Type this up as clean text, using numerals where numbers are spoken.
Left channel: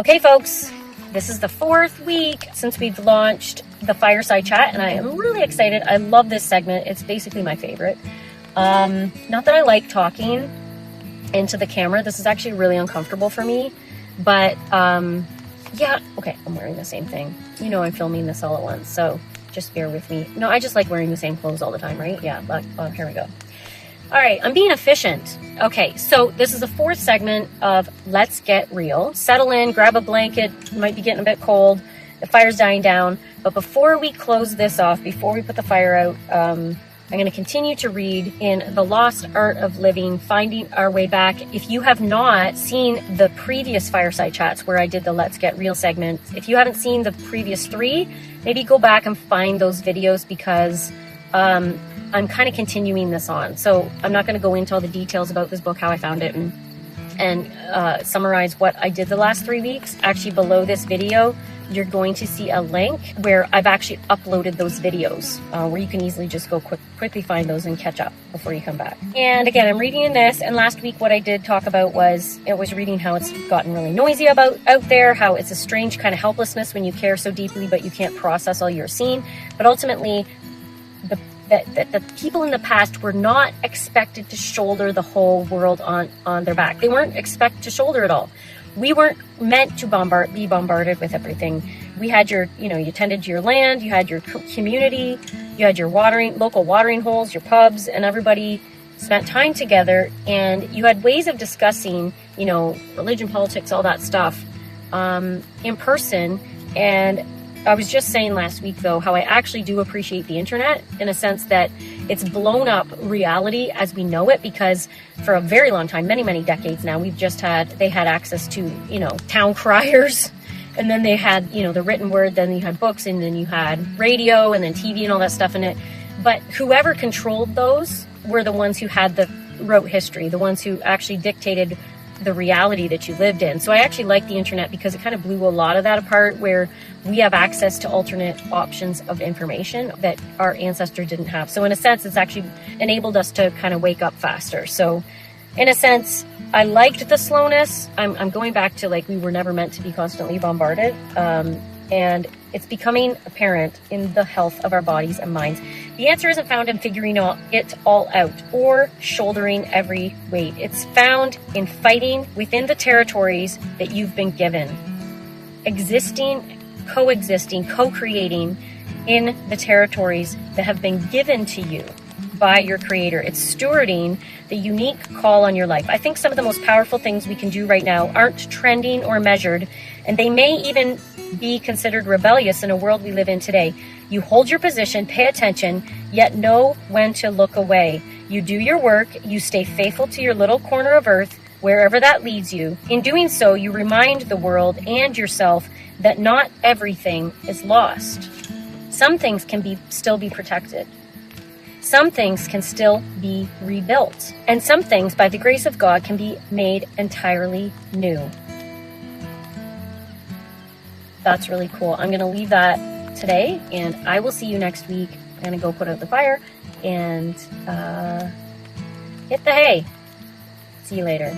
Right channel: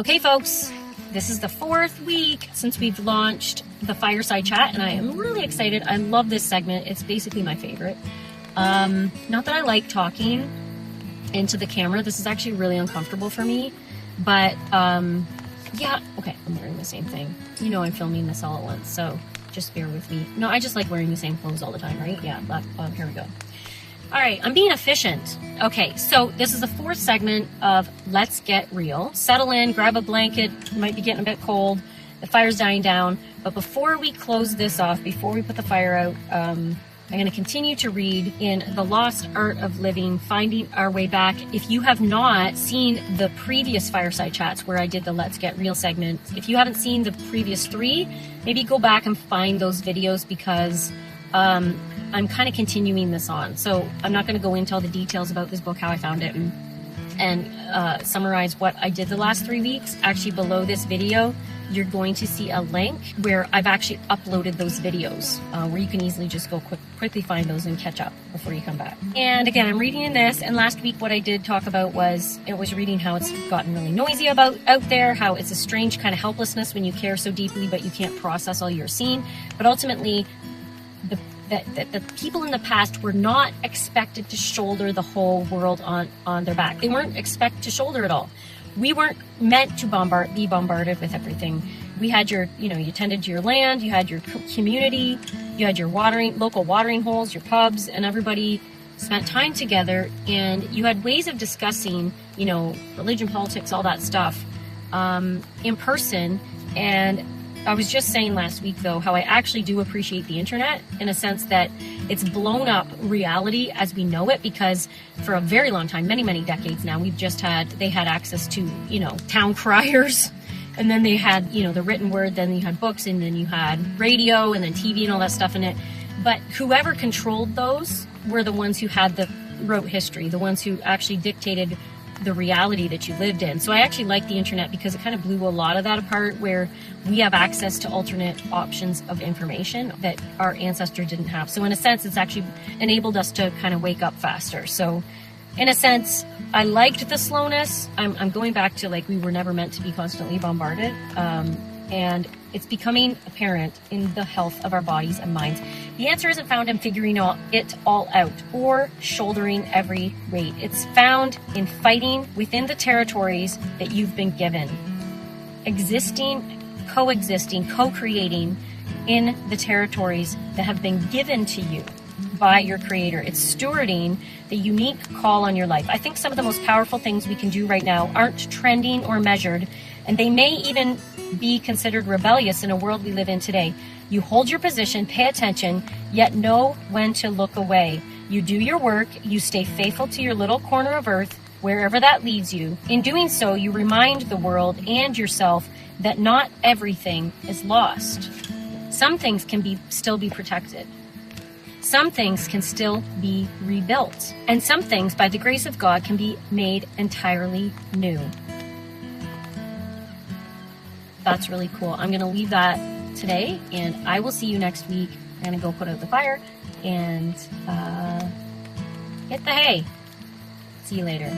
Okay, folks, this is the 4th week since we've launched the Fireside Chat, and I am really excited. I love this segment. It's basically my favorite. Not that I like talking into the camera. This is actually really uncomfortable for me, but yeah, okay, I'm wearing the same thing. You know I'm filming this all at once, so just bear with me. No, I just like wearing the same clothes all the time, right? Yeah, but here we go. All right, I'm being efficient. Okay, so this is the 4th segment of Let's Get Real. Settle in, grab a blanket. You might be getting a bit cold. The fire's dying down. But before we close this off, before we put the fire out, I'm going to continue to read in The Lost Art of Living, Finding Our Way Back. If you have not seen the previous Fireside Chats where I did the Let's Get Real segment, if you haven't seen the previous 3, maybe go back and find those videos because I'm kind of continuing this on. So I'm not going to go into all the details about this book, how I found it, and summarize what I did the last 3 weeks. Actually, below this video, you're going to see a link where I've actually uploaded those videos where you can easily just go quickly find those and catch up before you come back. And again, I'm reading in this, and last week what I did talk about was, it was reading how it's gotten really noisy out there, how it's a strange kind of helplessness when you care so deeply but you can't process all you're seeing. But ultimately, that the people in the past were not expected to shoulder the whole world on their back. They weren't expected to shoulder it all. We weren't meant to be bombarded with everything. We had you tended to your land, you had your community, you had your local watering holes, your pubs, and everybody spent time together, and you had ways of discussing, religion, politics, all that stuff, in person. And I was just saying last week, though, how I actually do appreciate the internet in a sense that it's blown up reality as we know it, because for a very long time, many, many decades now, they had access to, town criers, and then they had, the written word, then you had books, and then you had radio, and then TV and all that stuff in it. But whoever controlled those were the ones who wrote history, the ones who actually dictated the reality that you lived in. So I actually like the internet because it kind of blew a lot of that apart, where we have access to alternate options of information that our ancestors didn't have. So in a sense, it's actually enabled us to kind of wake up faster. So in a sense, I liked the slowness. I'm going back to we were never meant to be constantly bombarded. And it's becoming apparent in the health of our bodies and minds. The answer isn't found in figuring it all out or shouldering every weight. It's found in fighting within the territories that you've been given. Existing, coexisting, co-creating in the territories that have been given to you by your creator. It's stewarding the unique call on your life. I think some of the most powerful things we can do right now aren't trending or measured, and they may even be considered rebellious in a world we live in today. You hold your position, pay attention, yet know when to look away. You do your work, you stay faithful to your little corner of earth, wherever that leads you. In doing so, you remind the world and yourself that not everything is lost. Some things can still be protected. Some things can still be rebuilt. And some things, by the grace of God, can be made entirely new. That's really cool. I'm going to leave that today, and I will see you next week. I'm going to go put out the fire and hit the hay. See you later.